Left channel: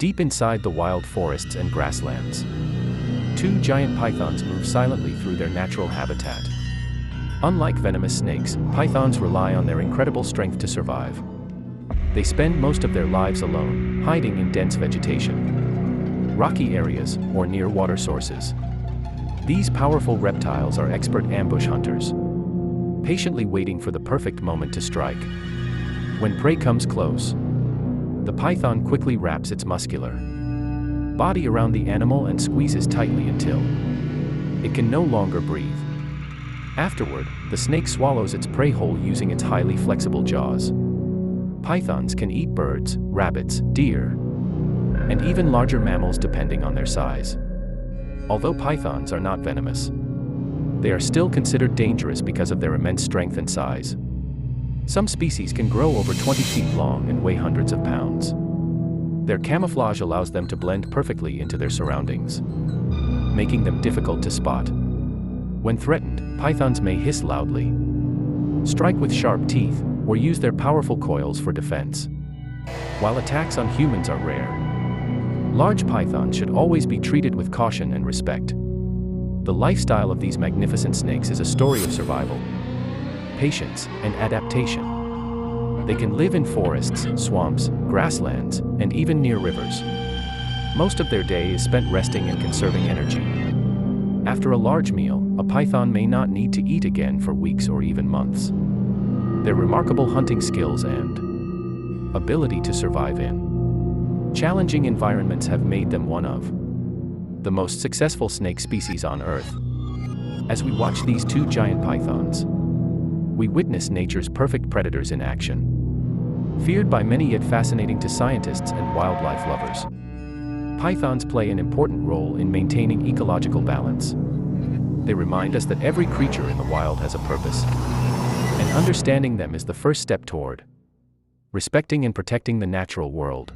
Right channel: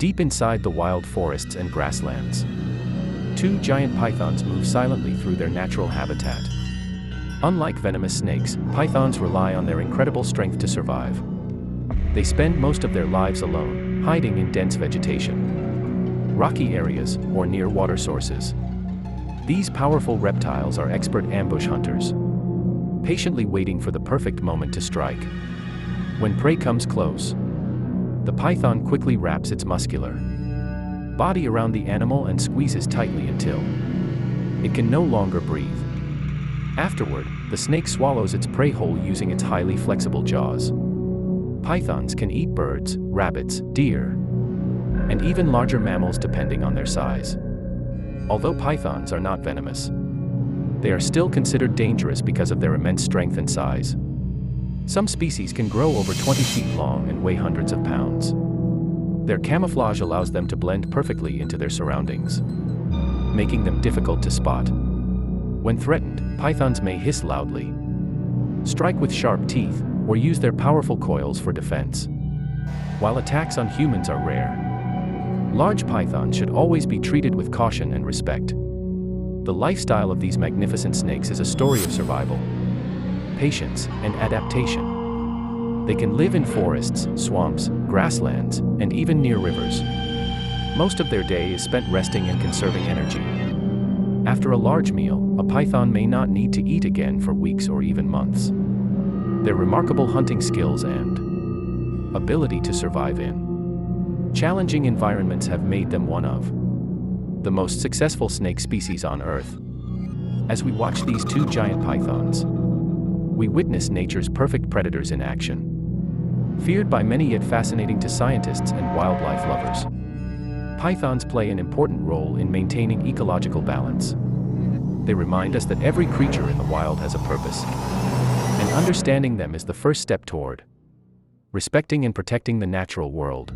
Deep inside the wild forests and grasslands, two giant pythons move silently through their natural habitat. Unlike venomous snakes, pythons rely on their incredible strength to survive. They spend most of their lives alone, hiding in dense vegetation, rocky areas, or near water sources. These powerful reptiles are expert ambush hunters, patiently waiting for the perfect moment to strike. When prey comes close, the python quickly wraps its muscular body around the animal and squeezes tightly until it can no longer breathe. Afterward, the snake swallows its prey whole using its highly flexible jaws. Pythons can eat birds, rabbits, deer, and even larger mammals depending on their size. Although pythons are not venomous, they are still considered dangerous because of their immense strength and size. Some species can grow over 20 feet long and weigh hundreds of pounds. Their camouflage allows them to blend perfectly into their surroundings, making them difficult to spot. When threatened, pythons may hiss loudly, strike with sharp teeth, or use their powerful coils for defense. While attacks on humans are rare, large pythons should always be treated with caution and respect. The lifestyle of these magnificent snakes is a story of survival, patience, and adaptation. They can live in forests, swamps, grasslands, and even near rivers. Most of their day is spent resting and conserving energy. After a large meal, a python may not need to eat again for weeks or even months. Their remarkable hunting skills and ability to survive in challenging environments have made them one of the most successful snake species on Earth. As we watch these two giant pythons, we witness nature's perfect predators in action. Feared by many yet fascinating to scientists and wildlife lovers, pythons play an important role in maintaining ecological balance. They remind us that every creature in the wild has a purpose, and understanding them is the first step toward respecting and protecting the natural world.